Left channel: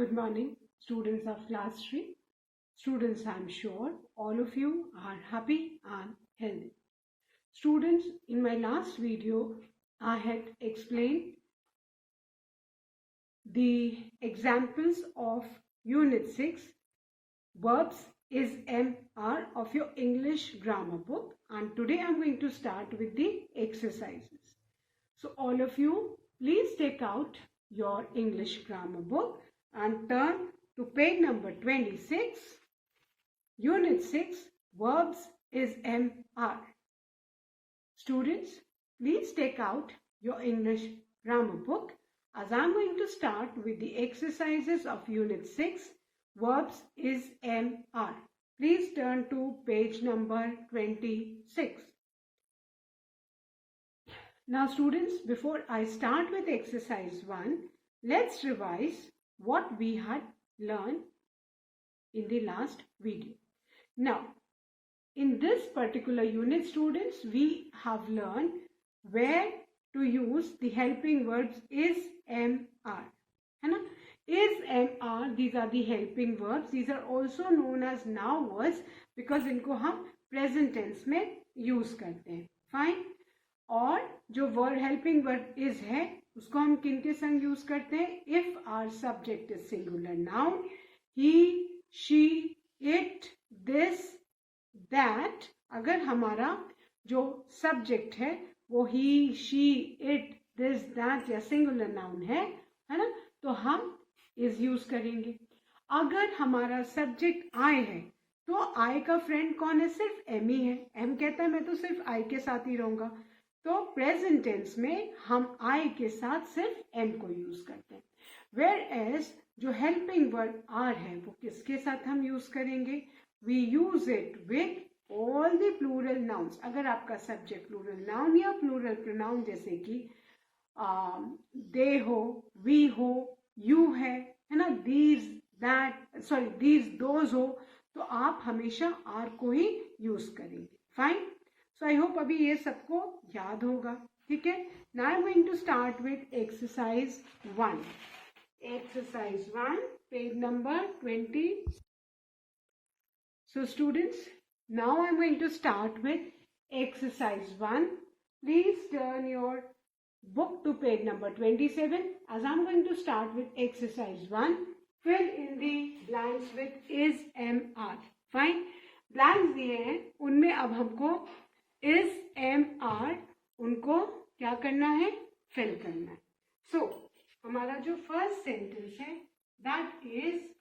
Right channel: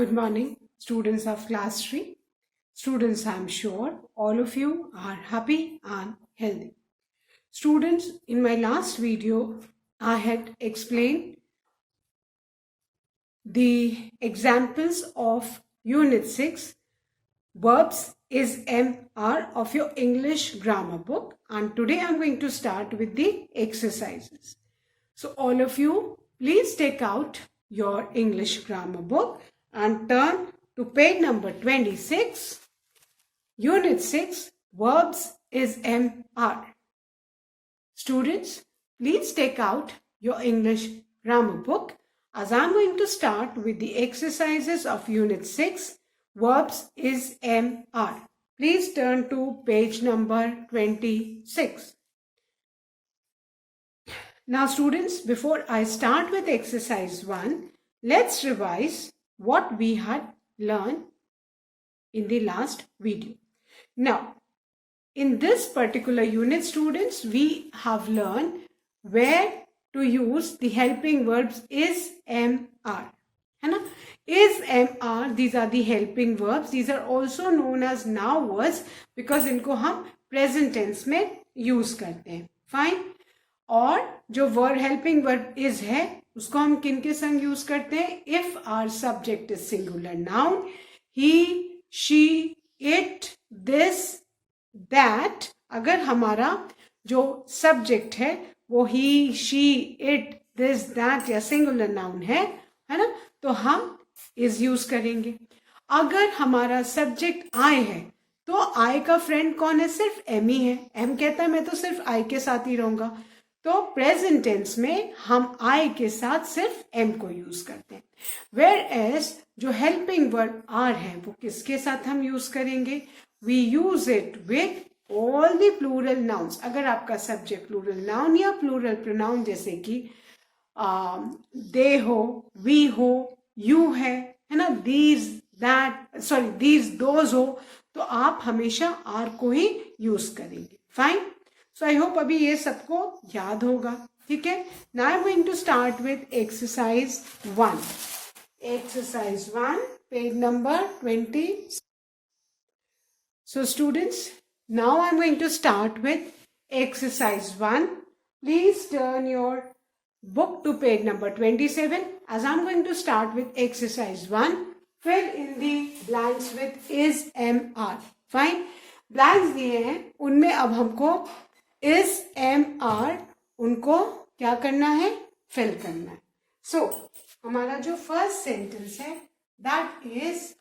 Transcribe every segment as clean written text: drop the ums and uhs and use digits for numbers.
Good morning, students of class 3. Students, I'm sure all of you are happy and healthy. Students, in my last video, I had explained the examples of Unit 6, Verbs is MR of your English grammar book. And today I'm going to start with the exercises. So all of you, please take out your English grammar book and turn to page number 26, Unit 6, Verbs is MR. Students, please take out your English grammar book as I'm going to start with the exercises of Unit 6, Verbs is MR. Please turn to page number 26. Now students, before I start with exercise 1, let's revise what we had learned in the last video. Now, in this particular unit, students, we have learned where to use the helping verbs is, am, are. Is, am, are, these are the helping verbs. These are also known as now words because इनको हम present tense में use करते हैं. Fine. और जो word helping verb is है उसको हम किन के संग यूज करते हैं? If our subject is singular noun, he, she, it, this, that. अगर हमारा जो सब्जेक्ट है वो he, she, it, this, that या सिंगुलर नाउन है ना, तो हम इज यूज करेंगे. अगर हमारा सब्जेक्ट आई है तो आई का फ्रेंड कौन है? सिर्फ एम ही है. एम कहता है मैं तो सिर्फ आई के साथ ही रहूंगा, तो प्रेजेंट टेंस में हम आई के साथ सिर्फ एम को यूज करते हैं. वेयर एज जो हेल्पिंग वर्ब आर है वो किसके साथ हम यूज करेंगे? We use it with all the plural nouns. अगर आपका सब्जेक्ट प्लूरल नाउन या प्लूरल प्रोनाउन जैसे कि दे हो, वी हो, यू है ना, these, that, sorry these, those हो, तो आप हमेशा आर को ही यूज करेंगे. फाइन. So I hope अभी ये सबको याद होगा. ठीक है. Now I'm going to start with exercise 1. Exercise 1, page number 20. So students, now I'm going to start with exercise 1. Please turn your book to page number 27 as I'm going to start with exercise 1. Fill in the blanks with is, am, are. Fine. Blanks दिए हैं, उनमें अब हमको is, am, are उनको क्या करना है? Fill करना है. सो हमारा जो फर्स्ट सेंटेंस है दैट इज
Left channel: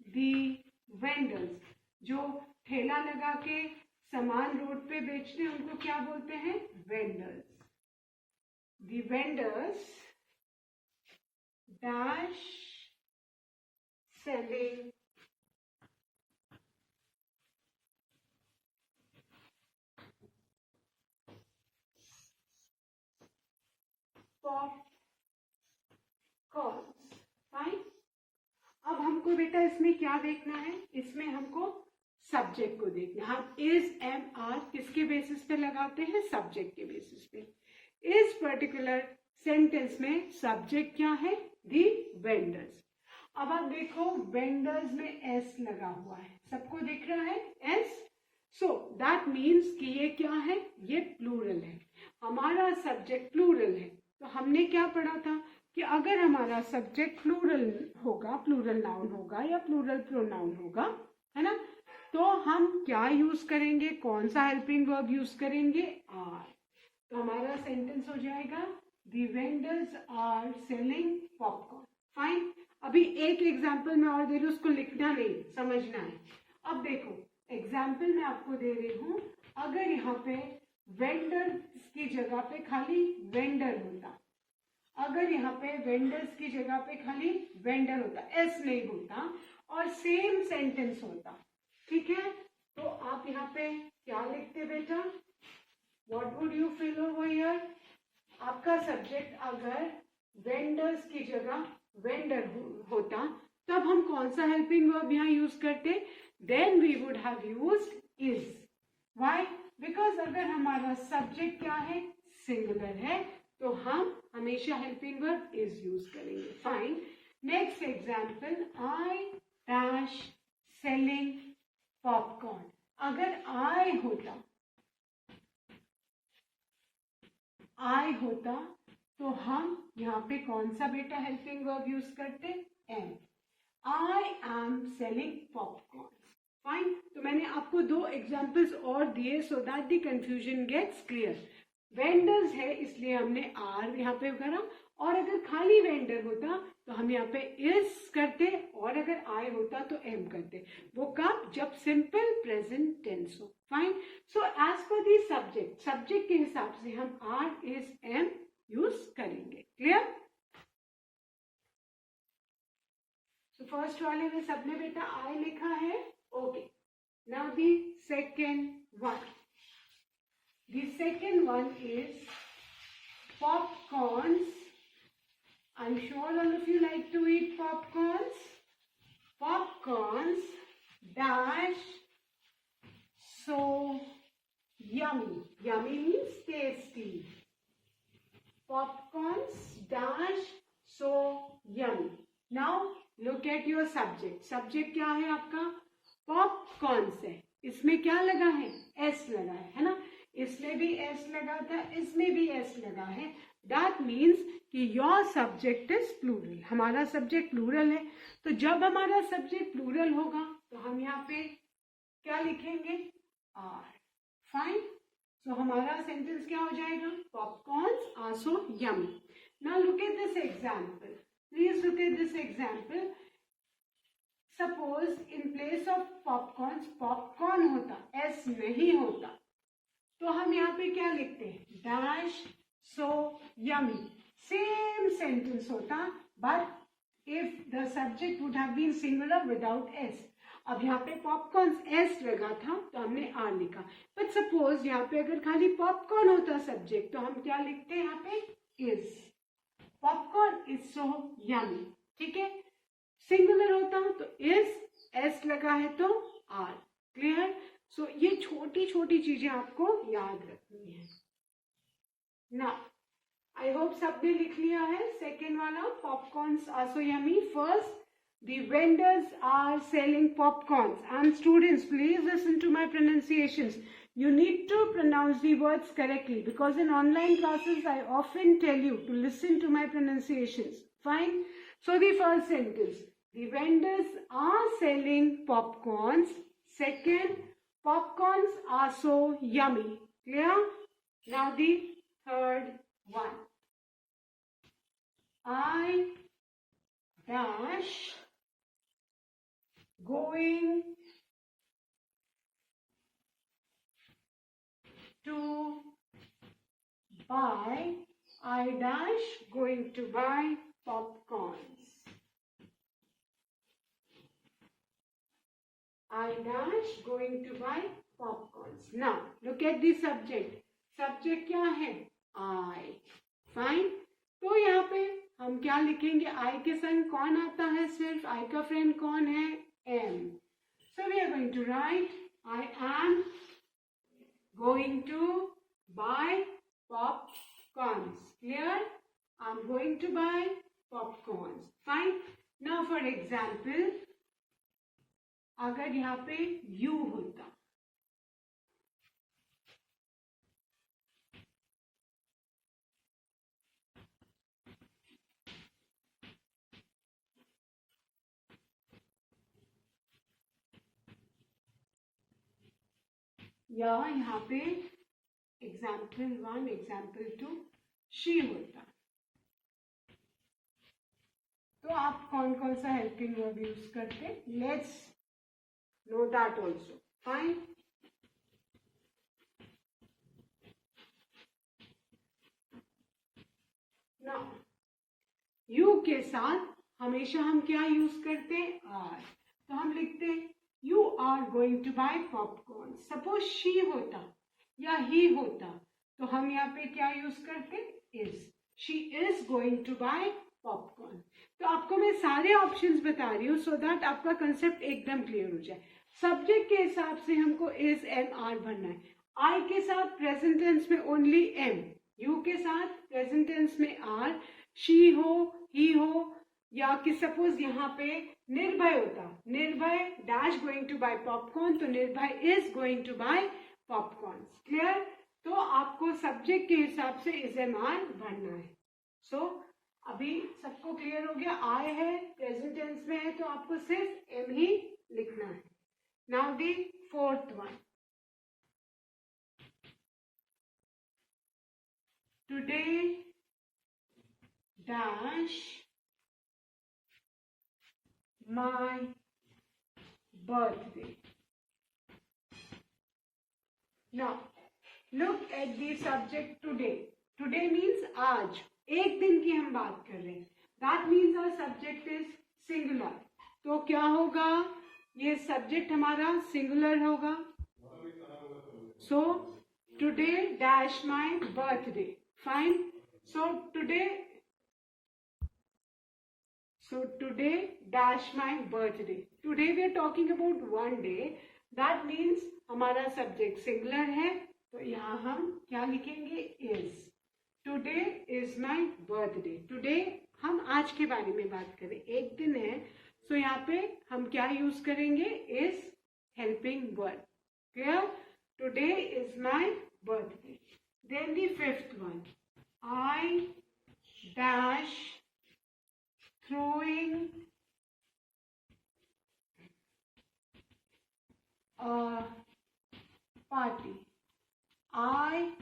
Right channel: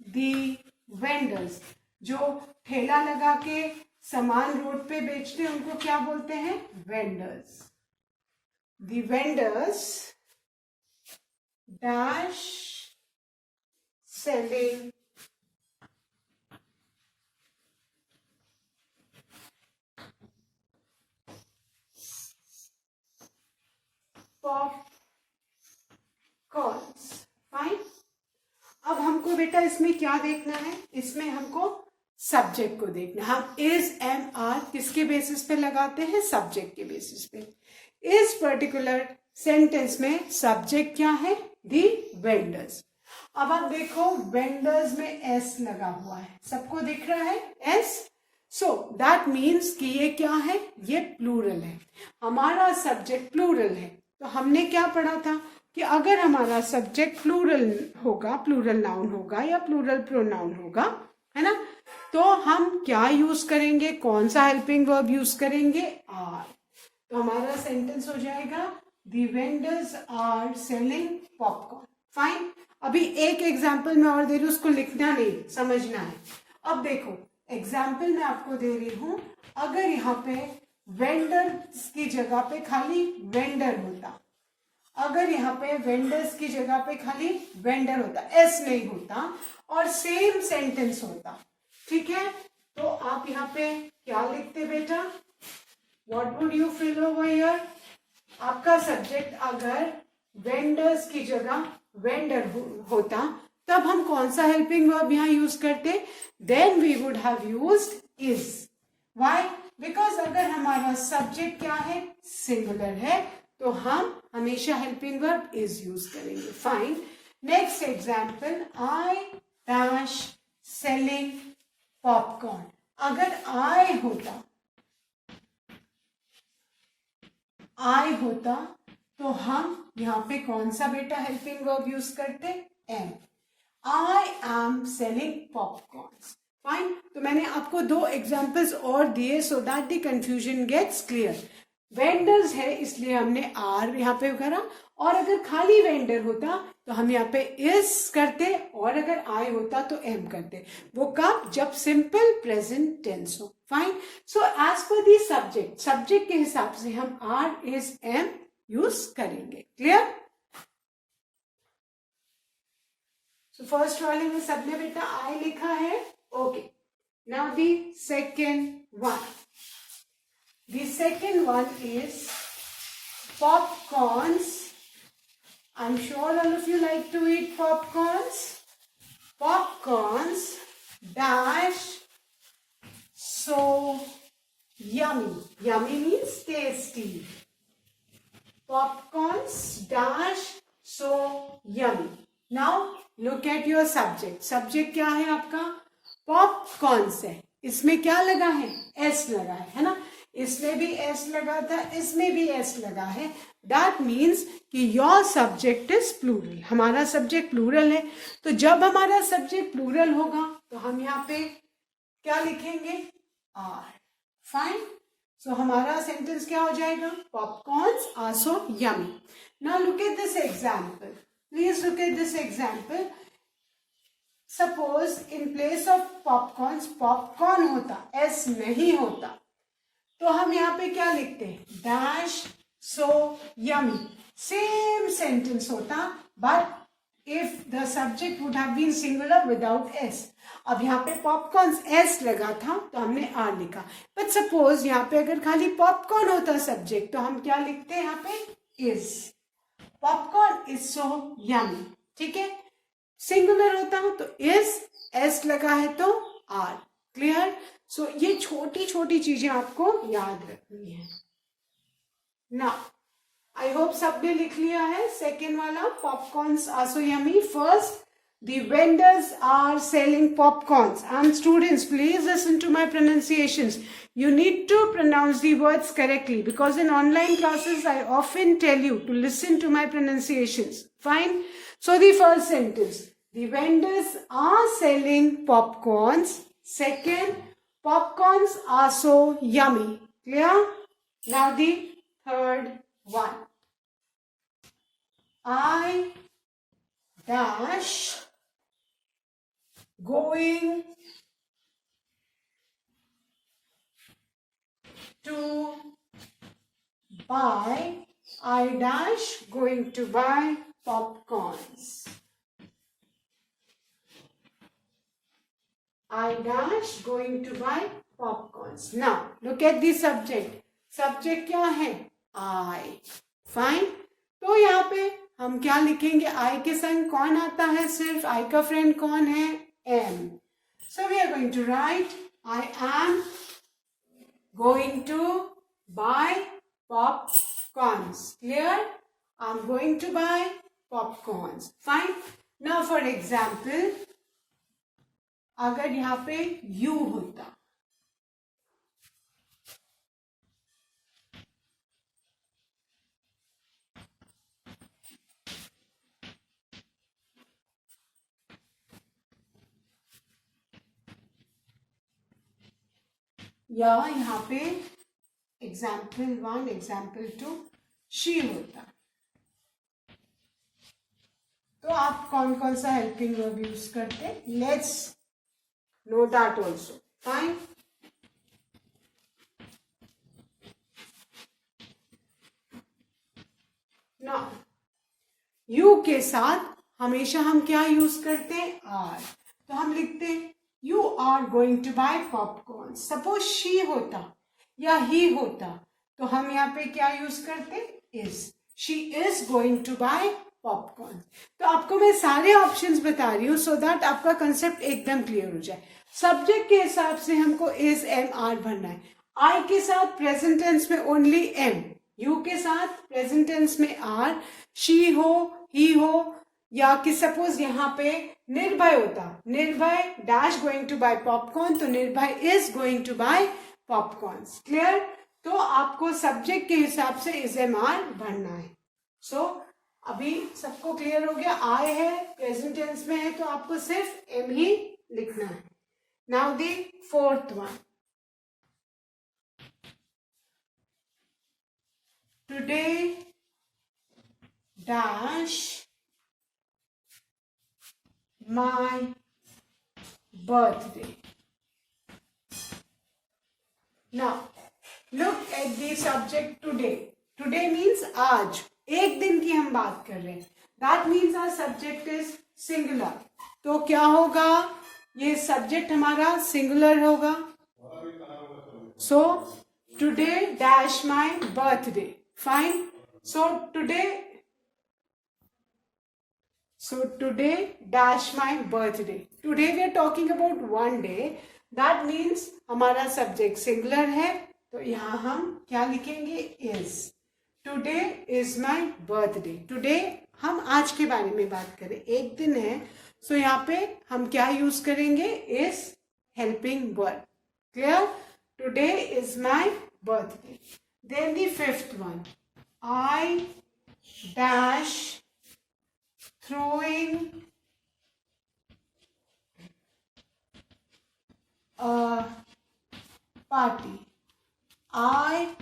द वेंडर्स. जो ठेला लगा के सामान रोड पे बेचते हैं उनको क्या बोलते हैं? Vendors. The vendors dash selling popcorns. Fine. अब हमको बेटा इसमें क्या देखना है? इसमें हमको सब्जेक्ट को देखना है. हम इज, एम, आर किसके बेसिस पे लगाते हैं? सब्जेक्ट के बेसिस पे. इस पर्टिकुलर सेंटेंस में सब्जेक्ट क्या है? दी वेंडर्स. अब आप देखो वेंडर्स में एस लगा हुआ है, सबको दिख रहा है एस. सो दैट मीन्स कि ये क्या है? ये प्लूरल है. हमारा सब्जेक्ट प्लूरल है. तो हमने क्या पढ़ा था कि अगर हमारा सब्जेक्ट प्लूरल होगा, प्लूरल नाउन होगा या प्लूरल प्रोनाउन होगा, है ना, तो हम क्या यूज करेंगे? कौन सा हेल्पिंग वर्ब यूज करेंगे? आर. तो हमारा सेंटेंस हो जाएगा the vendors are selling popcorn. Fine. अभी एक एग्जाम्पल मैं और दे रही हूँ, उसको लिखना नहीं, समझना है. अब देखो एग्जाम्पल मैं आपको दे रही हूं. अगर यहाँ पे वेंडर्स की जगह पे खाली वेंडर होता, अगर यहाँ पे वेंडर्स की जगह पे खाली वेंडर होता, एस नहीं होता और सेम सेंटेंस होता, ठीक है, तो आप यहाँ पे क्या लिखते बेटा? What would you fill over here? आपका सब्जेक्ट अगर वेंडर्स की जगह वेंडर होता तब हम कौन सा हेल्पिंग वर्ब यहाँ यूज करते? Then we would have used is. Why? Because अगर हमारा सब्जेक्ट क्या है? सिंगुलर है, तो हम हमेशा हेल्पिंग वर्ब इज यूज करेंगे. Fine. Next example, I dash selling popcorn. अगर आई होता तो हम यहाँ पे कौन सा बेटा हेल्पिंग वर्ब यूज करते? Am. I am selling popcorns. Fine. तो मैंने आपको 2 एग्जाम्पल्स और दिए so that the confusion gets clear. Vendors है इसलिए हमने आर यहाँ पे करा, और अगर खाली वेंडर होता तो हम यहाँ पे इज करते, और अगर आई होता तो एम करते. वो कब? जब सिंपल प्रेजेंट टेंस हो. फाइन. सो एज पर दी सब्जेक्ट के हिसाब से हम आर इज एम यूज करेंगे. क्लियर? सो फर्स्ट वाले में सबने बेटा आई लिखा है. Okay. Now the second one. The second one is popcorns. I'm sure all of you like to eat popcorns. Popcorns dash so yummy. Yummy means tasty. Popcorns dash so yummy. Now look at your subject. Subject क्या है आपका? Popcorns है. इसमें क्या लगा है? S लगा है ना? इसमें भी एस लगा था, इसमें भी एस लगा है. दैट मीन्स कि योर सब्जेक्ट इज प्लूरल. हमारा सब्जेक्ट प्लूरल है, तो जब हमारा सब्जेक्ट प्लूरल होगा तो हम यहाँ पे क्या लिखेंगे? आर. फाइन. सो हमारा सेंटेंस क्या हो जाएगा? Popcorns are so yummy. Now look at this example. Please look at this example. Suppose in place of popcorns popcorn होता, एस नहीं होता, तो हम यहाँ पे क्या लिखते हैं? Dash so yummy. Same sentence होता, but if the subject would have been singular without S. अब यहाँ पे पॉपकॉर्न एस लगा था तो हमने आर लिखा. बट सपोज यहाँ पे अगर खाली पॉपकॉर्न होता सब्जेक्ट तो हम क्या लिखते हैं? यहाँ पे is. Popcorn is so yummy. ठीक है. सिंगुलर होता हो तो इज, एस लगा है तो आर. क्लियर? सो ये छोटी छोटी चीजें आपको याद रखनी है. ना आई होप सबने लिख लिया है. सेकेंड वाला popcorns are so yummy. First, the vendors are selling popcorns. And students, please listen to my pronunciations. You need to pronounce the words correctly because in online classes I often tell you to listen to my pronunciations. Fine. So the first sentence, the vendors are selling popcorns. Second, popcorns are so yummy. Clear? Now the third one. I dash going to buy. I dash going to buy popcorns. I dash going to buy popcorns. Now look at the subject. Subject क्या है? I. Fine. तो यहाँ पे हम क्या लिखेंगे? I के संग कौन आता है? सिर्फ I का फ्रेंड कौन है? M. So we are going to write I am going to buy popcorns. Clear? I am going to buy popcorns. Fine. Now for example, अगर यहाँ पे you होता, या यहाँ पे एग्जाम्पल 1, एग्जाम्पल 2 शी होता, तो आप कौन कौन सा हेल्पिंग वर्ब यूज करते? Let's know that also. Fine. Now you के साथ हमेशा हम क्या यूज करते हैं? आर. तो हम लिखते हैं You are going to buy popcorn. Suppose she होता या he होता तो हम यहाँ पे क्या यूज करते? is. She is going to buy popcorn. तो आपको मैं सारे ऑप्शंस बता रही हूँ so that आपका कंसेप्ट एकदम क्लियर हो जाए. सब्जेक्ट के हिसाब से हमको is, am, are भरना है. I के साथ प्रेजेंट टेंस में ओनली am. यू के साथ प्रेजेंट टेंस में आर, शी हो, ही हो, या कि सपोज यहाँ पे निर्भय होता, Nirbhay dash going to buy popcorn, तो Nirbhay is going to buy popcorn. Clear? तो आपको सब्जेक्ट के हिसाब से इज एम आर भरना है। सो अभी सबको क्लियर हो गया? आई है, प्रेजेंट टेंस में है, तो आपको सिर्फ एम ही लिखना है। Now the fourth one, today dash my birthday. Now look at the subject today. Today means आज, एक दिन की हम बात कर रहे हैं। That means our subject is singular. तो क्या होगा? ये subject हमारा singular होगा। So today dash my birthday. Fine. So today dash my birthday. Today we are talking about one day. That means हमारा सब्जेक्ट सिंगुलर है, तो यहाँ हम क्या लिखेंगे? Is. Today is my birthday. Today हम आज के बारे में बात करें, एक दिन है, सो यहाँ पे हम क्या यूज करेंगे? Is helping verb. Clear? Today is my birthday. Then the fifth one, I dash throwing a party. I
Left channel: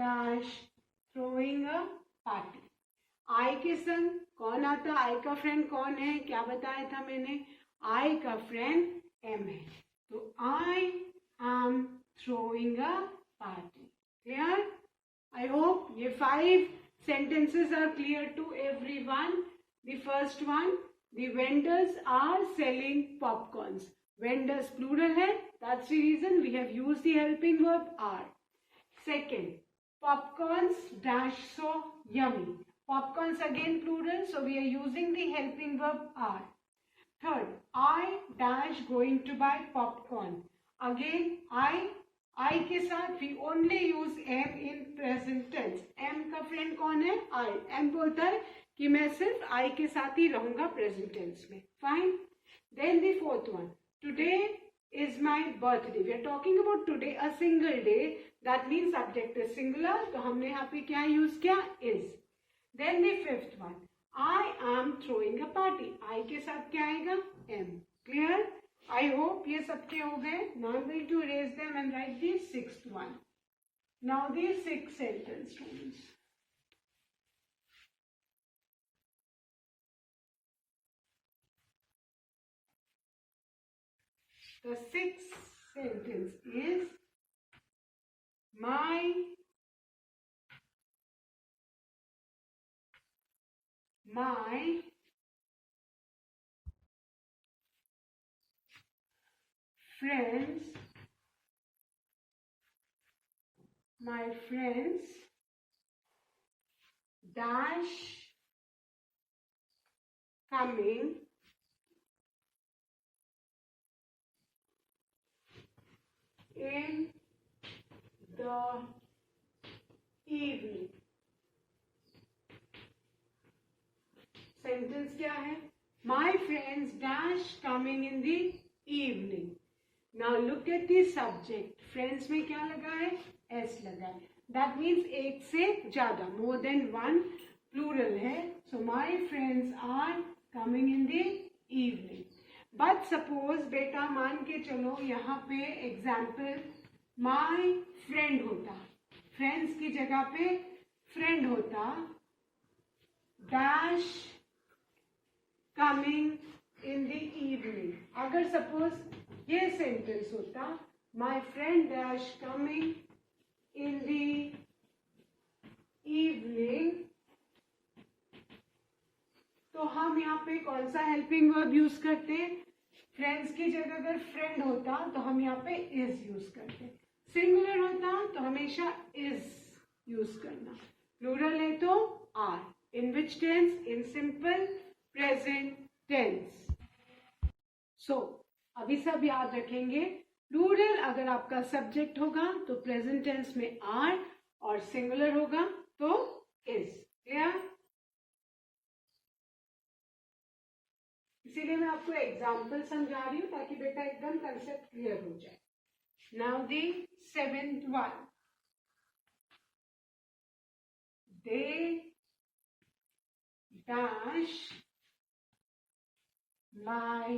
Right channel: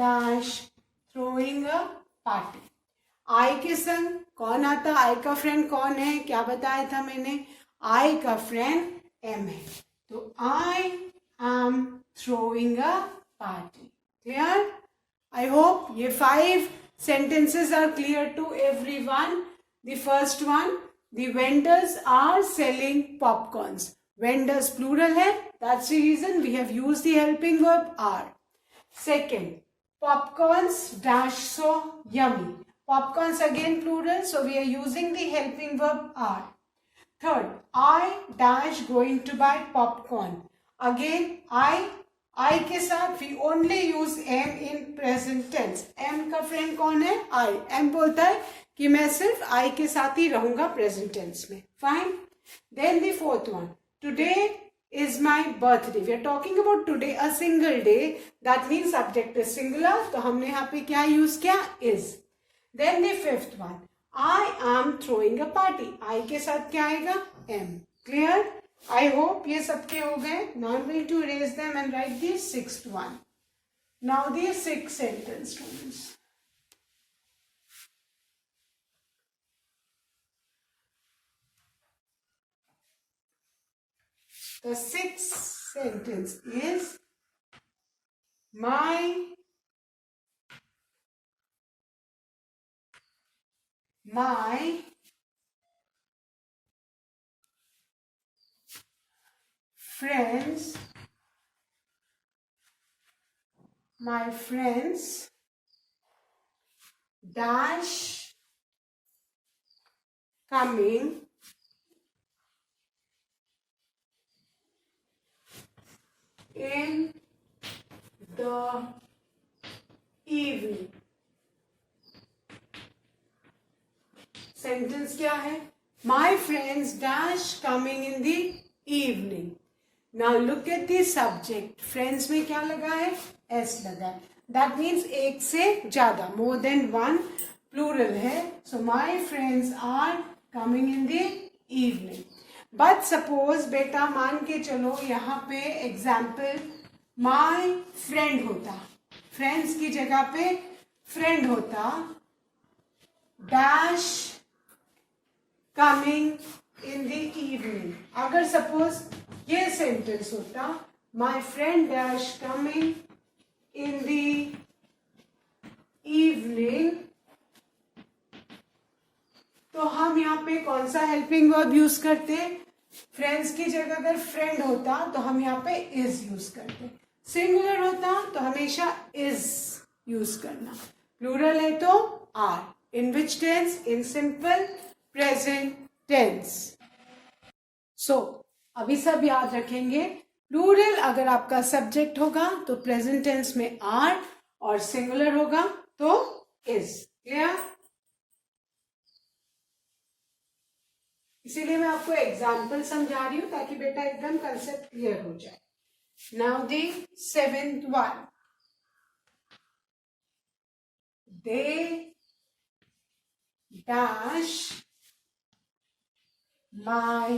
dash throwing a party. I के संग कौन आता? I का फ्रेंड कौन है? क्या बताया था मैंने? I का फ्रेंड M है, तो I am throwing a party. Clear? I hope ये 5 sentences are clear to everyone. The first one, the vendors are selling popcorns. Vendors plural है, that's the reason we have used the helping verb are. Second, popcorns dash so yummy. Popcorns again plural, so we are using the helping verb are. Third, I dash going to buy popcorn. Again, I के साथ we only use am in present tense. am का friend कौन है? I. am बोलता है कि मैं सिर्फ आई के साथ ही रहूंगा प्रेजेंट टेंस में। Fine. Then the fourth one, today is my birthday. We are talking about today, a single day, that means subject is singular, तो हमने यहाँ पे क्या यूज किया? Is. Then the fifth one, I am throwing a party. I के साथ क्या आएगा? एम। क्लियर? आई होप ये सबके हो गए। Now I will to raise them and write the sixth one. Now the sixth sentence students, the sixth sentence is my friends dash coming in the evening. Sentence क्या है? My friends dash coming in the evening. Now look at the subject. Friends में क्या लगा है? S लगा है. That means एक से ज्यादा, more than one, plural है. So my friends are coming in the evening. But suppose बेटा मान के चलो यहाँ पे एग्जाम्पल my friend होता, friends की जगह पे friend होता, dash coming in the evening. अगर सपोज ये सेंटेंस होता, my friend dash coming in the evening, तो हम यहाँ पे कौन सा हेल्पिंग वर्ब यूज करते? फ्रेंड्स की जगह अगर फ्रेंड होता तो हम यहाँ पे इज यूज करते, सिंगुलर होता तो हमेशा इज यूज करना, प्लूरल है तो are. In which tense? In simple present tense. So अभी सब याद रखेंगे, प्लूरल अगर आपका सब्जेक्ट होगा तो प्रेजेंट टेंस में आर और सिंगुलर होगा तो इज। क्लियर? इसीलिए मैं आपको एग्जाम्पल समझा रही हूं ताकि बेटा एकदम कंसेप्ट क्लियर हो जाए। Now the 7th one, they dash my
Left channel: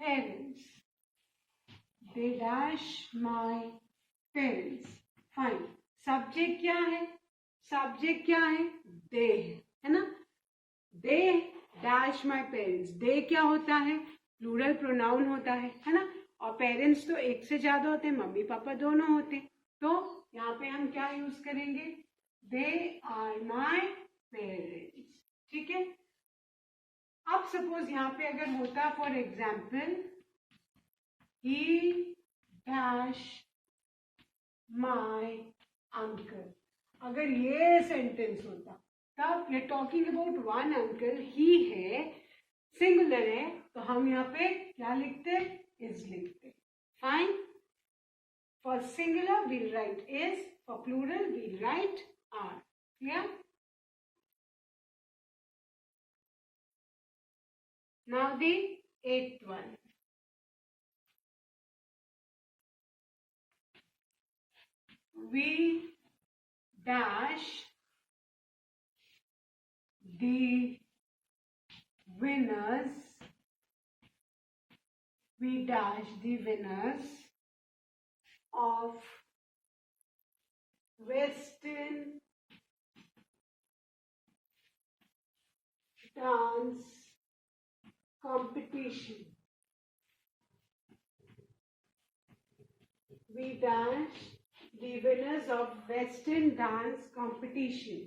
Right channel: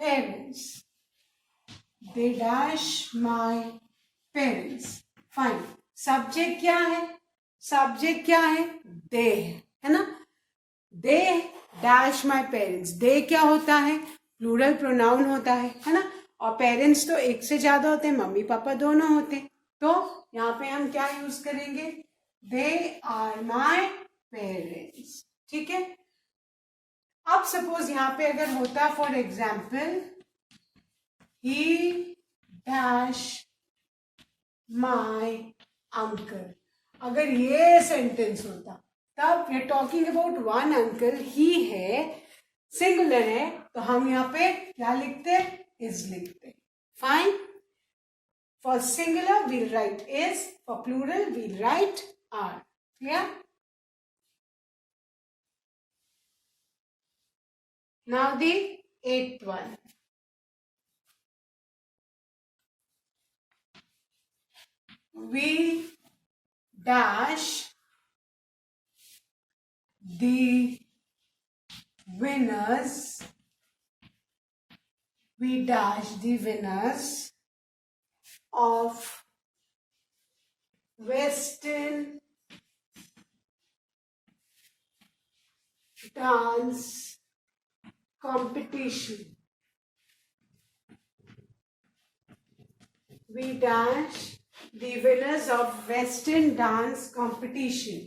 parents, they dash my parents। Fine. Subject क्या है? सब्जेक्ट क्या है? दे है ना। They dash my parents. दे क्या होता है? प्लूरल प्रोनाउन होता है ना। और पेरेंट्स तो एक से ज्यादा होते हैं, मम्मी पापा दोनों होते हैं। तो यहाँ पे हम क्या यूज करेंगे? They are my parents. ठीक है। अब सपोज यहाँ पे अगर होता for example he dash my uncle, अगर ये सेंटेंस होता तब we are talking about one uncle, he है, सिंगुलर है, तो हम यहाँ पे क्या लिखते? इज लिखते। Fine. For singular we'll write is, for plural we'll write are. Clear? Now the 8th one, we dash the winners, we dash the winners of Western dance competition, we dash the winners of Western dance competition।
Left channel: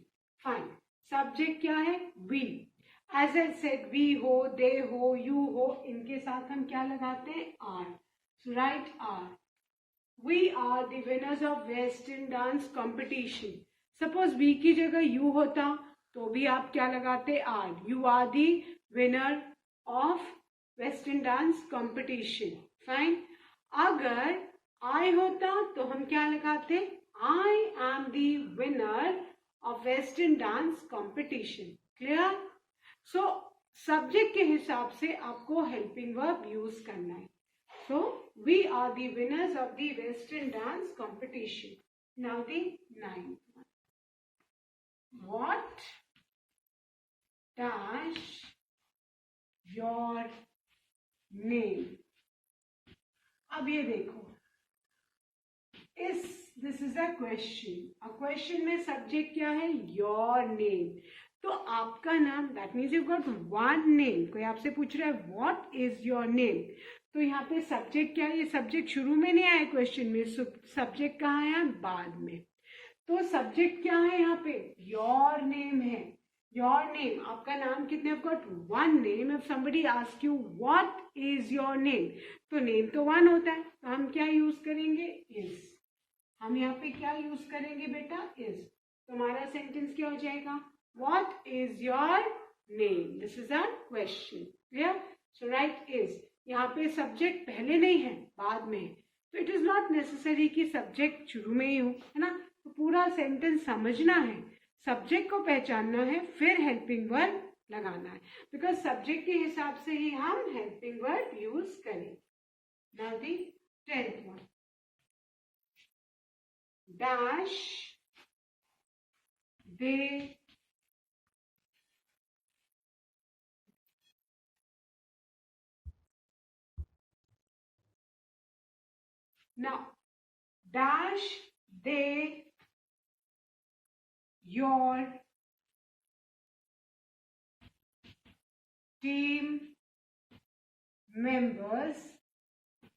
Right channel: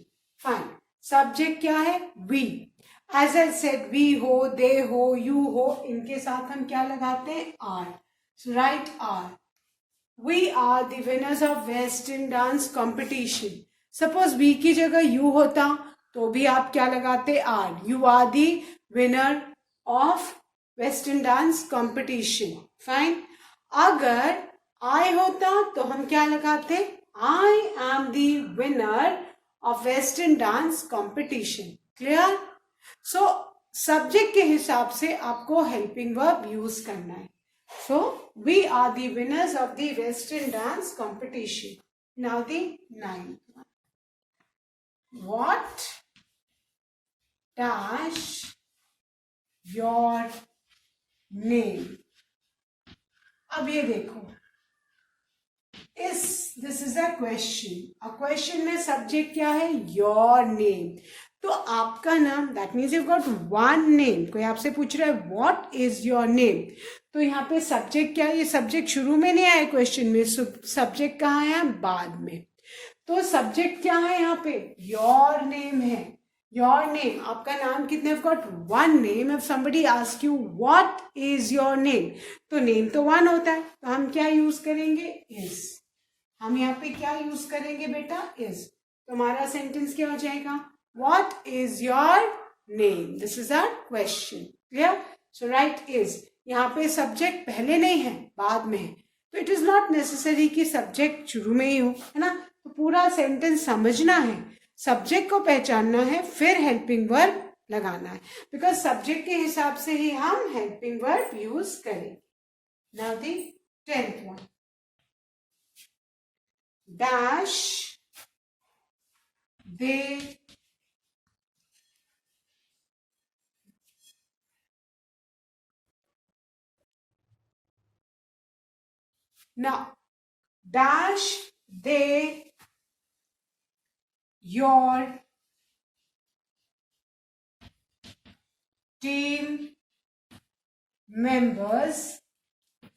Fine. Subject क्या है? We. As I said, we हो, they हो, you हो, इनके साथ हम क्या लगाते हैं? Are. So write are. We are the winners of western dance competition. Suppose we की जगह यू होता तो भी आप क्या लगाते? Are. You are the winner of western dance competition. Fine. अगर आई होता तो हम क्या लगाते? I am the winner of western dance competition. Clear? So subject के हिसाब से आपको हेल्पिंग वर्ब यूज करना है। So we are the winners of the western dance competition. Now the 9th one, what dash your name। अब ये देखो, this is a question. A question में सब्जेक्ट क्या है? Your name. तो आपका नाम, that means you got one name. कोई आपसे पूछ रहा है व्हाट इज योर नेम, तो यहाँ पे सब्जेक्ट क्या है? ये सब्जेक्ट शुरू में नहीं आया क्वेश्चन में, सब्जेक्ट कहाँ है? बाद में। तो सब्जेक्ट क्या है यहाँ पे? योर नेम है। योर नेम, आपका नाम कितने? Got one name. If somebody ask you what is your name, तो नेम तो वन होता है, तो हम क्या यूज करेंगे? इज। हम यहाँ पे क्या यूज करेंगे बेटा? इज। तो हमारा सेंटेंस क्या हो जाएगा? What is your name? This is our question. Clear? So right is. यहाँ पे सब्जेक्ट पहले नहीं है, बाद में है, तो इट इज नॉट नेसेसरी कि सब्जेक्ट शुरू में ही हो, है ना। तो पूरा सेंटेंस समझना है, सब्जेक्ट को पहचानना है, फिर हेल्पिंग वर्ब लगाना है, बिकॉज सब्जेक्ट के हिसाब से ही हम हेल्पिंग वर्ब यूज करेंगे। Now the 10th one, dash they now dash they your team members,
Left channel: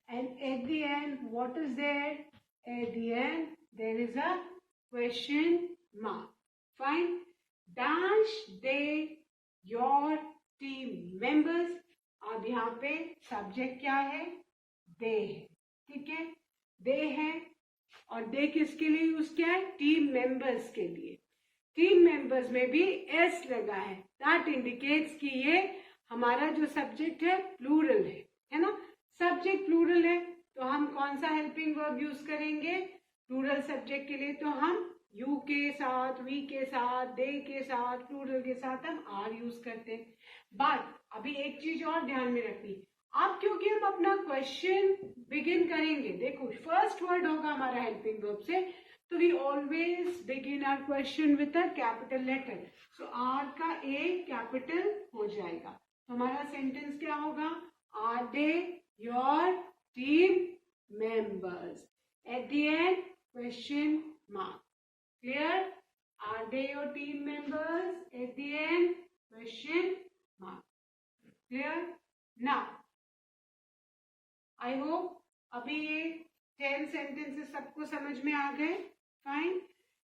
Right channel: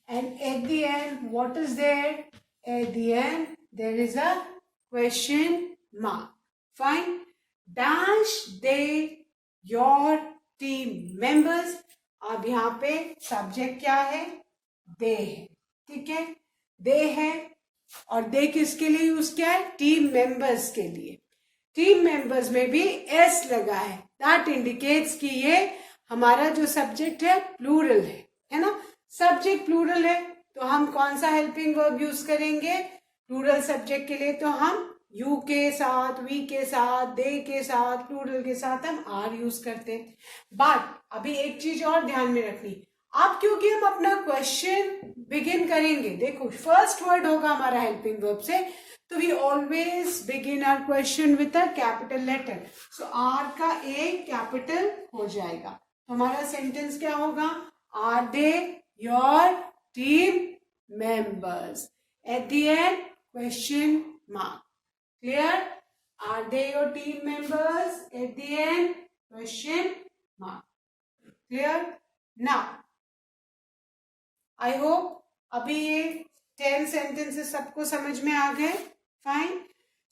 and at the end what is there? At the end there is a question mark. Fine. Dash they your team members। अब यहाँ पे subject क्या है? दे है। ठीक है, दे है, और दे किसके लिए यूज किया है? टीम मेंबर्स के लिए। टीम मेंबर्स में भी एस लगा है, दैट इंडिकेट्स कि ये हमारा जो सब्जेक्ट है प्लूरल है ना। सब्जेक्ट प्लूरल है तो हम कौन सा हेल्पिंग वर्ब यूज करेंगे? प्लूरल सब्जेक्ट के लिए तो हम यू के साथ, वी के साथ, दे के साथ, प्लूरल के साथ हम आर यूज करते हैं। बट अभी एक चीज और ध्यान में रखनी, अब क्योंकि हम अपना क्वेश्चन बिगिन करेंगे, देखो फर्स्ट वर्ड होगा हमारा हेल्पिंग वर्ब से, तो we always begin our question with a capital letter, so are का ए कैपिटल हो जाएगा। तो हमारा सेंटेंस क्या होगा, are they your team members, at the end question mark. Clear? Are they your team members? At the end, question mark. Clear? Now, I hope अभी ये 10 sentences सबको समझ में आ गए। फाइन।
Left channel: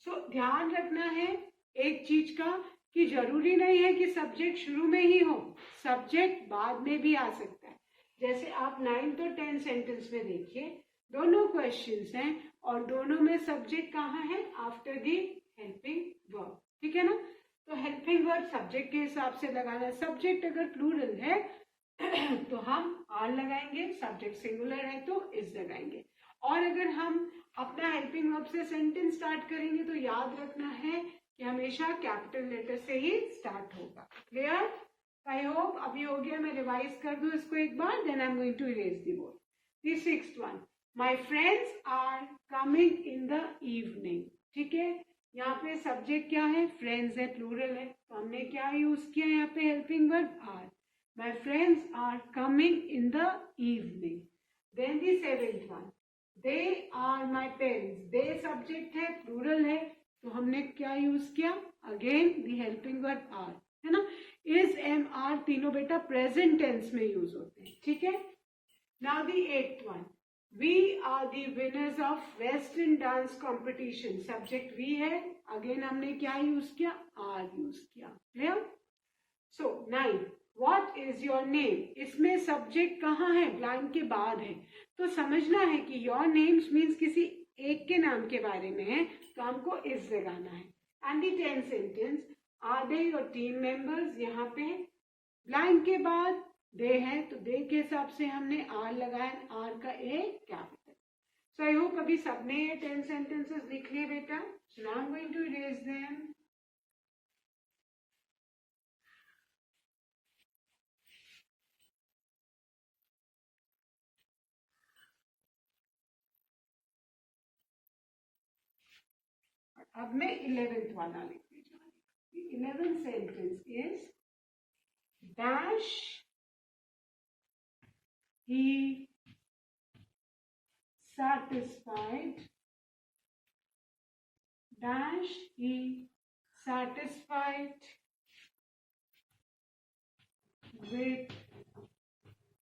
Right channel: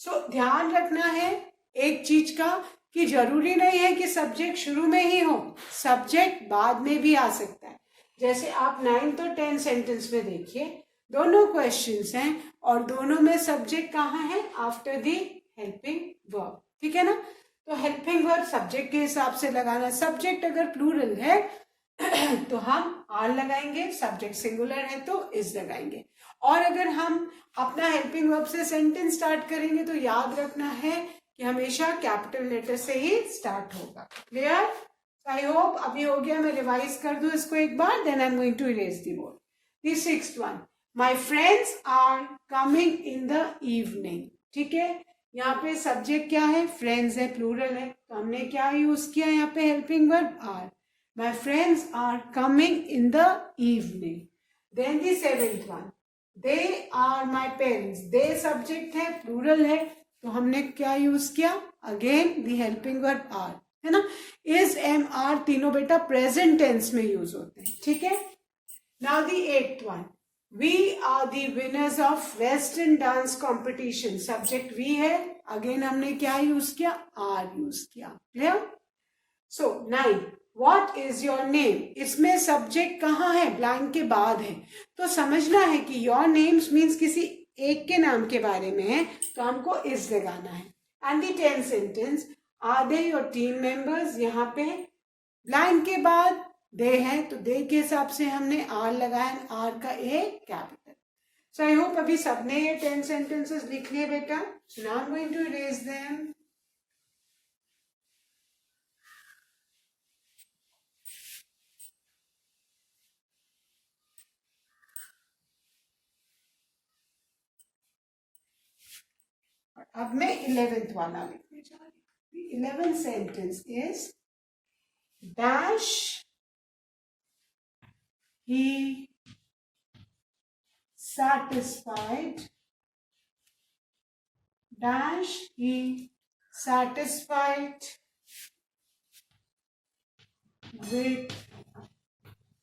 सो ध्यान रखना है एक चीज का कि जरूरी नहीं है कि सब्जेक्ट शुरू में ही हो, सब्जेक्ट बाद में भी आ सकता है। जैसे आप 9th और 10th सेंटेंस में देखिए, दोनों क्वेश्चंस हैं और दोनों में सब्जेक्ट कहाँ है, आफ्टर दी हेल्पिंग वर्ब, ठीक है ना। तो हेल्पिंग वर्ब सब्जेक्ट के हिसाब से लगाना, सब्जेक्ट अगर प्लूरल है तो हम आर लगाएंगे, सब्जेक्ट सिंगुलर है तो इज लगाएंगे। और अगर हम अपना हेल्पिंग वर्ब से सेंटेंस स्टार्ट करेंगे तो याद रखना है कि हमेशा कैपिटल लेटर से ही स्टार्ट होगा। क्लियर? आई होप अभी हो गया, मैं रिवाइज कर दूं इसको एक बार, then I am going to erase the board. The 6th one, My friends are coming in the evening। ठीक है, यहाँ पे सब्जेक्ट क्या है, फ्रेंड्स है, प्लूरल है, तो हमने क्या यूज किया यहाँ पे, helping verb are. My friends are coming in the evening। Then the 7th one, they are my parents। they subject है, प्लूरल है, तो हमने क्या यूज किया, again the helping verb are, है ना। इज, एम, आर तीनों बेटा प्रेजेंट टेंस में यूज होते हैं, ठीक है। Now the 8th one, We are the winners of Western dance competition। Subject we है, अगेन हमने क्या यूज किया, आर यूज किया। Clear? So 9, What is your name? इसमें सब्जेक्ट कहाँ है, ब्लैंक के बाद है, तो समझना है कि योर नेम्स मीन्स किसी एक के नाम के बारे में है, तो हमको इज लगाना है। And the 10th sentence, are they your team members, यहाँ पे ब्लैंक के बाद दे है, तो दे के हिसाब से हमने आर लगाया, आर का A capital. So I hope अभी सबने ये 10 सेंटेंसेस लिख लिए बेटा। So now I am going to erase them. अब मैं 11th वाला लिखने जा रही हूँ। 11th sentence is dash he satisfied, dash he satisfied with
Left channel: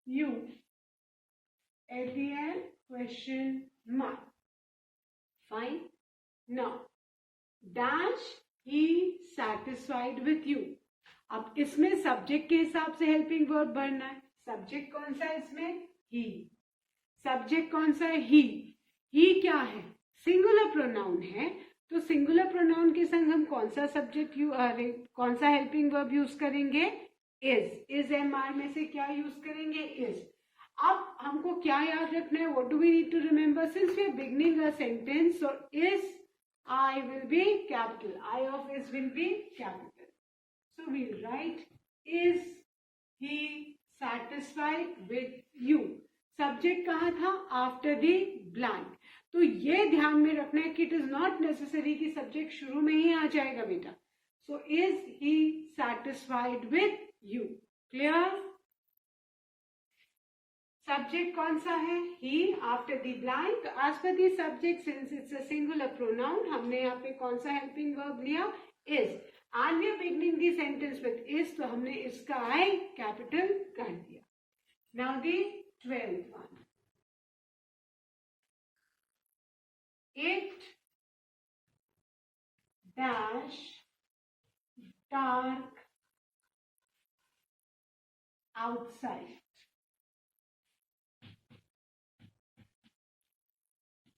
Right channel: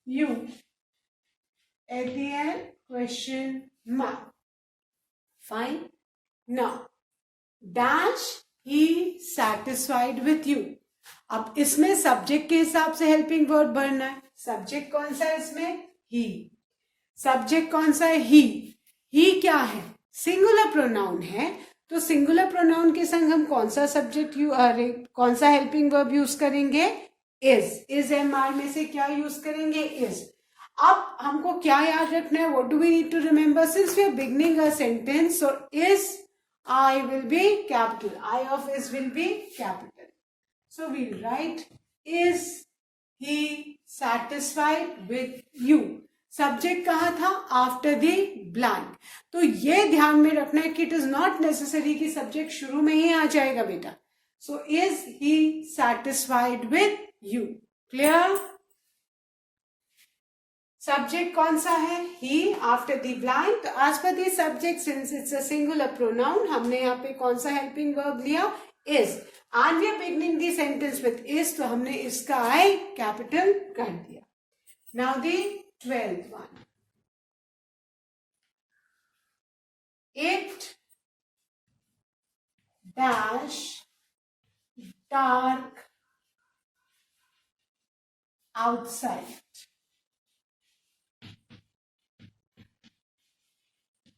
you, at the end question mark। fine। now dash he satisfied with you, अब इसमें subject के हिसाब से हेल्पिंग वर्ब भरना है। सब्जेक्ट कौन सा है इसमें, ही। सब्जेक्ट कौन सा है, ही क्या है, सिंगुलर प्रोनाउन है, तो सिंगुलर प्रोनाउन के संग हम कौन सा सब्जेक्ट कौन सा हेल्पिंग वर्ब यूज करेंगे, इज एम आर में से क्या यूज करेंगे, इज। अब हमको क्या याद रखना है, what do we need to remember, since we are beginning a sentence, so is I will be capital, I of is will be capital, so we'll write is he satisfied with you। Subject कहाँ था, after the blank. तो ये ध्यान में रखना है कि it is not necessary कि सब्जेक्ट शुरू में ही आ जाएगा बेटा। So is he satisfied with you. Clear? Subject कौन सा है, ही, आफ्टर द ब्लैंक। तो एज पर the subject, since it's a singular pronoun, हमने यहाँ पे कौन सा हेल्पिंग वर्ब लिया, is. And we are beginning the sentence with is, तो हमने इसका आई कैपिटल कर दिया। Now the 12th one, it dash dark outside।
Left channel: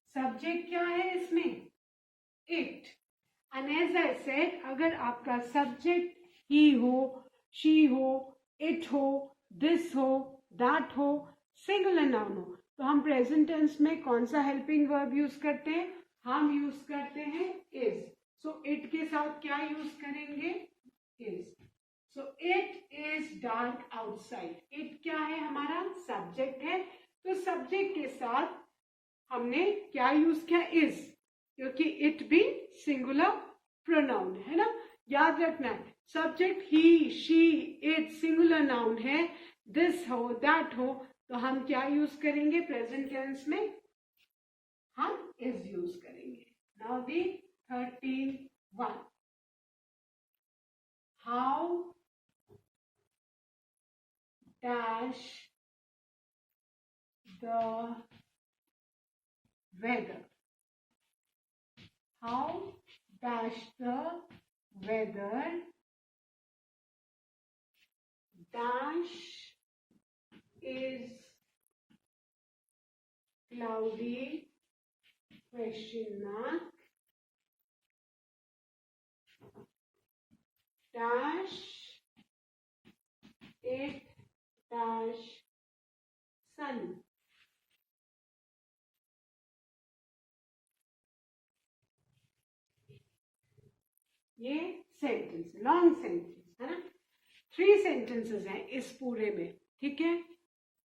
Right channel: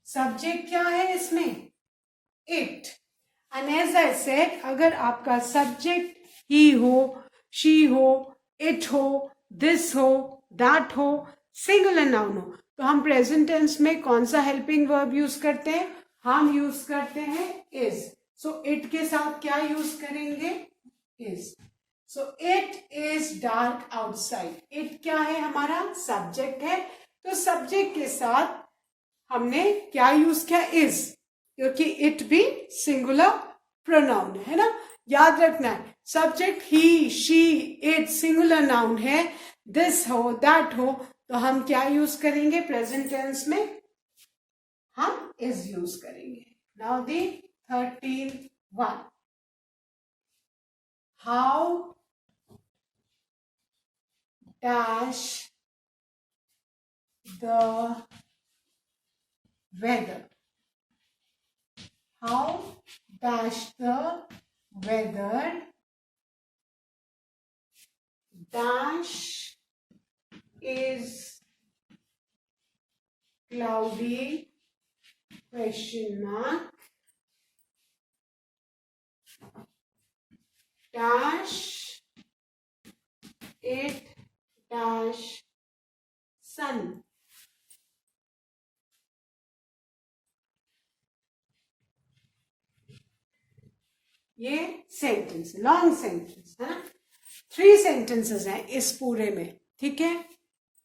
Subject क्या है इसमें, it. And as I said, अगर आपका सब्जेक्ट ही हो, शी हो, इट हो, दिस हो, दैट हो, सिंगुलर नाउन हो, तो हम प्रेजेंट टेंस में कौन सा हेल्पिंग वर्ब यूज करते हैं, हम यूज करते हैं इज। सो इट के साथ क्या यूज करेंगे? Is. So it is dark outside. It क्या है? हमारा सब्जेक्ट है, तो सब्जेक्ट के साथ हमने क्या यूज किया? इज, क्योंकि इट भी सिंगुलर प्रोनाउन है ना, याद रखना है। Subject he, she, it singular noun है, दिस हो, दैट हो, तो हम क्या यूज करेंगे? प्रेजेंट टेंस में हम इज यूज करेंगे। Now the 13th one. How dash the weather? How dash the weather dash is cloudy question mark dash it dash sun. ये सेंटेंस, लॉन्ग सेंटेंस है ना, 3 सेंटेंसेस हैं इस पूरे में, ठीक है।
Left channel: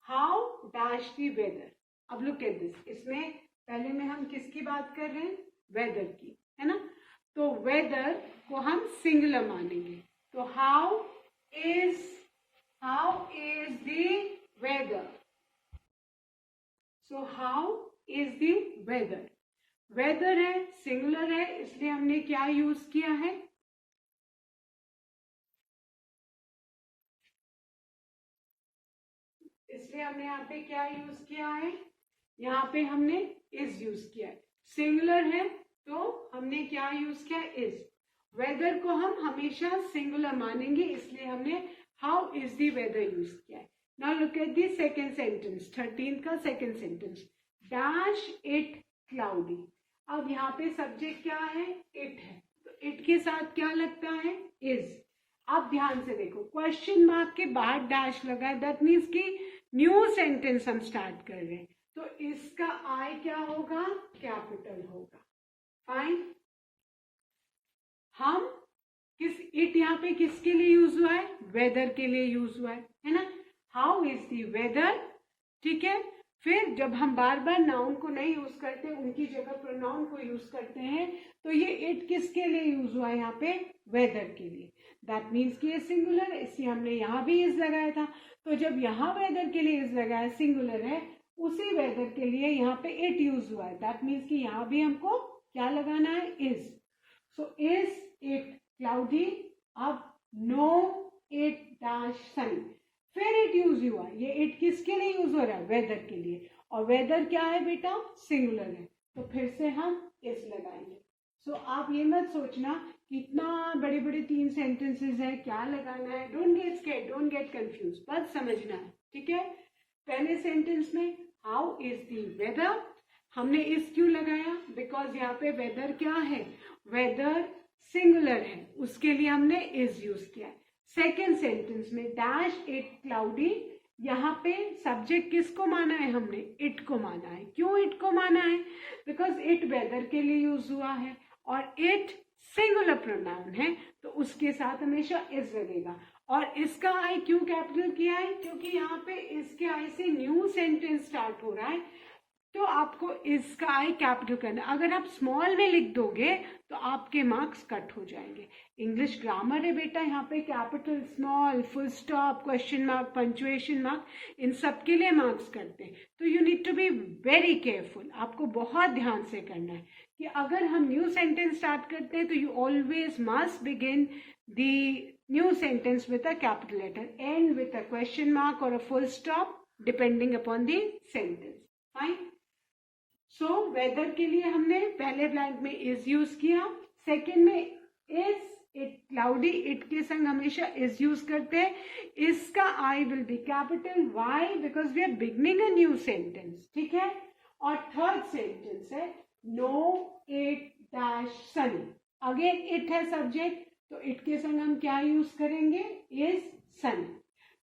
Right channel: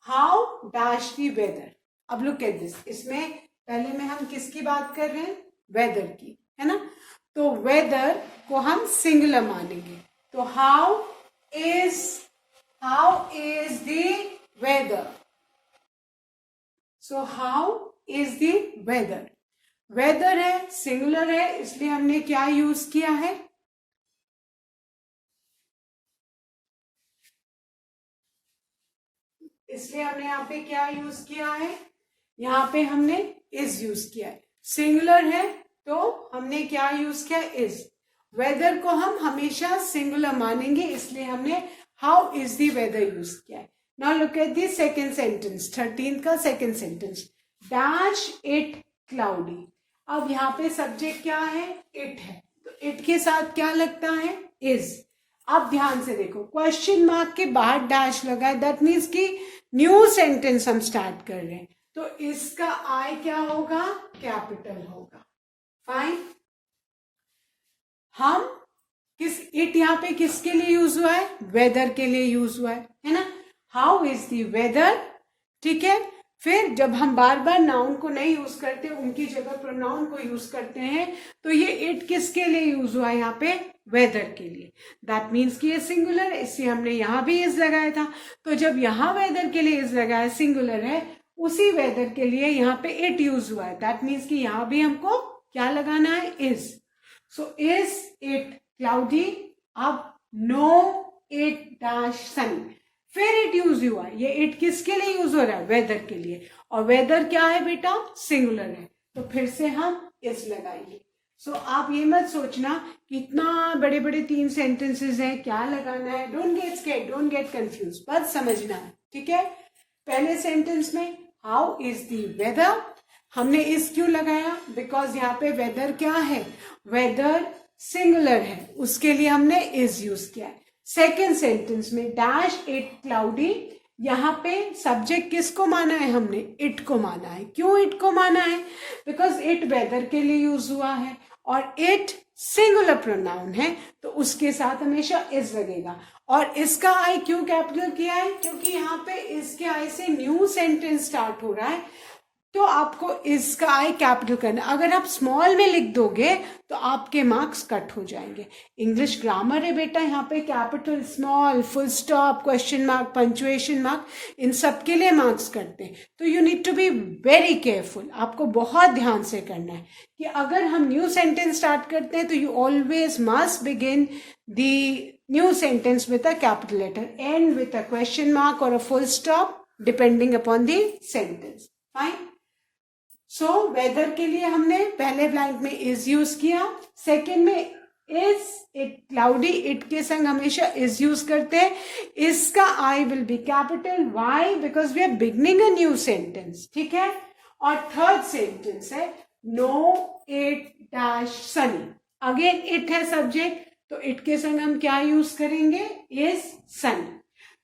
How dash the weather. अब लुक एट दिस, इसमें पहले में हम किसकी बात कर रहे हैं? वेदर की, है ना। तो वेदर को हम सिंगुलर मानेंगे, तो how is the weather. So how is the weather, weather है, सिंगुलर है, इसलिए हमने क्या यूज किया है? इसलिए हमने यहाँ पे क्या यूज किया है? यहाँ पे हमने इज यूज किया है। सिंगुलर है तो हमने क्या यूज किया? इज। वेदर को हम हमेशा सिंगुलर मानेंगे, इसलिए हमने how is the weather use किया है। Now look at the second sentence, 13 का second sentence, dash it cloudy. अब यहाँ पे सब्जेक्ट क्या है? इट है, तो इट के साथ क्या लगता है? इज। अब ध्यान से देखो, क्वेश्चन मार्क के बाद डैश लगा है, दैट मीन्स कि न्यू सेंटेंस हम स्टार्ट कर रहे हैं, तो इसका आई क्या होगा? कैपिटल होगा। फाइन। हम इट यहाँ पे किसके लिए यूज हुआ है? वेदर के लिए यूज हुआ है ना। हाउ इज द वेदर, ठीक है। फिर जब हम बार बार नाउन को नहीं यूज करते, उनकी जगह प्रोनाउन को यूज करते हैं, तो ये इट किसके लिए यूज हुआ है? यहाँ पे वेदर के लिए। दैट मीन्स कि ये सिंगुलर है, इसलिए हमने यहाँ भी इज लगाया था। तो जब यहाँ वेदर के लिए इज लगाया, सिंगुलर है, उसी वेदर के लिए यहाँ पे इट यूज हुआ है, दैट मीन्स कि यहाँ भी हमको क्या लगाना है? Is. So is it cloudy. अब नो इट डैश सनी, फिर इट यूज हुआ, ये इट किसके लिए यूज हो रहा है? वेदर के लिए, और वेदर क्या है बेटा? सिंगुलर है, तो फिर से हम इज लगाएंगे। सो आप ये मत सोचना कि इतना बड़े बड़े 3 सेंटेंसेस हैं, क्या लगाना है। Don't get scared, don't get confuse, बस समझना है, ठीक है। पहले सेंटेंस में हाउ इज द वेदर, हमने इज क्यों लगाया? बिकॉज यहाँ पे वेदर क्या है? वेदर सिंगुलर है, उसके लिए हमने इज यूज किया है। सेकेंड सेंटेंस में डैश इट क्लाउडी, यहाँ पे सब्जेक्ट किसको माना है? हमने इट को माना है। क्यों इट को माना है? बिकॉज इट वेदर के लिए यूज हुआ है, और इट सिंगुलर प्रोनाउन है, तो उसके साथ हमेशा इज लगेगा। और इसका आई क्यों कैपिटल किया है? क्योंकि यहाँ पे इसके आई से न्यू सेंटेंस स्टार्ट हो रहा है, तो आपको इसका आई कैपिटल करना। अगर आप स्मॉल में लिख दोगे तो आपके मार्क्स कट हो जाएंगे। इंग्लिश ग्रामर है बेटा, यहाँ पे capital, small, full stop, question mark, punctuation mark, इन सब के लिए मार्क्स करते हैं। तो you need to be very careful, आपको बहुत ध्यान से करना है कि अगर हम न्यू सेंटेंस स्टार्ट करते हैं तो you always must begin the new sentence with a capital letter, and with a question mark or a full stop depending upon the sentence. Fine. So weather के लिए हमने पहले ब्लैंक में is use किया, second में is it cloudy, it के संग हमेशा इज यूज करते हैं। इसका I will be capital, why? Because we are beginning a new sentence, ठीक है। और थर्ड सेंटेंस है no it dash sunny, again it है सब्जेक्ट, तो इट के संग हम क्या यूज करेंगे? Is sunny.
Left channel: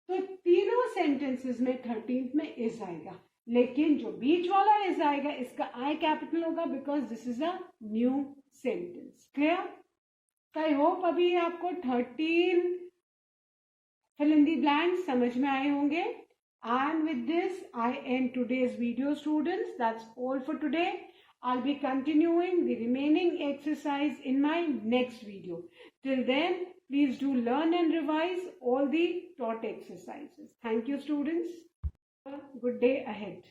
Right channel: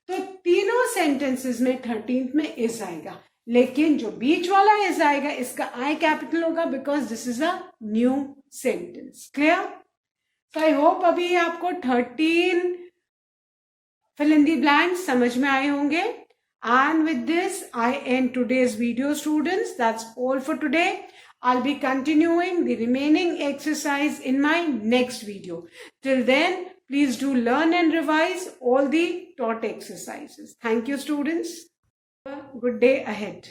तो तीनों सेंटेंसेस में 13th में इज आएगा। लेकिन जो बीच वाला एस आएगा इसका आई कैपिटल होगा because this is a new sentence. Clear? तो आई होप अभी आपको 13 fill in the blanks समझ में आए होंगे. And with this, I end today's video, students. That's all for today. I'll be continuing the remaining exercise in my next video. Till then, please do learn and revise all the taught exercises. Thank you, students. Have a good day ahead.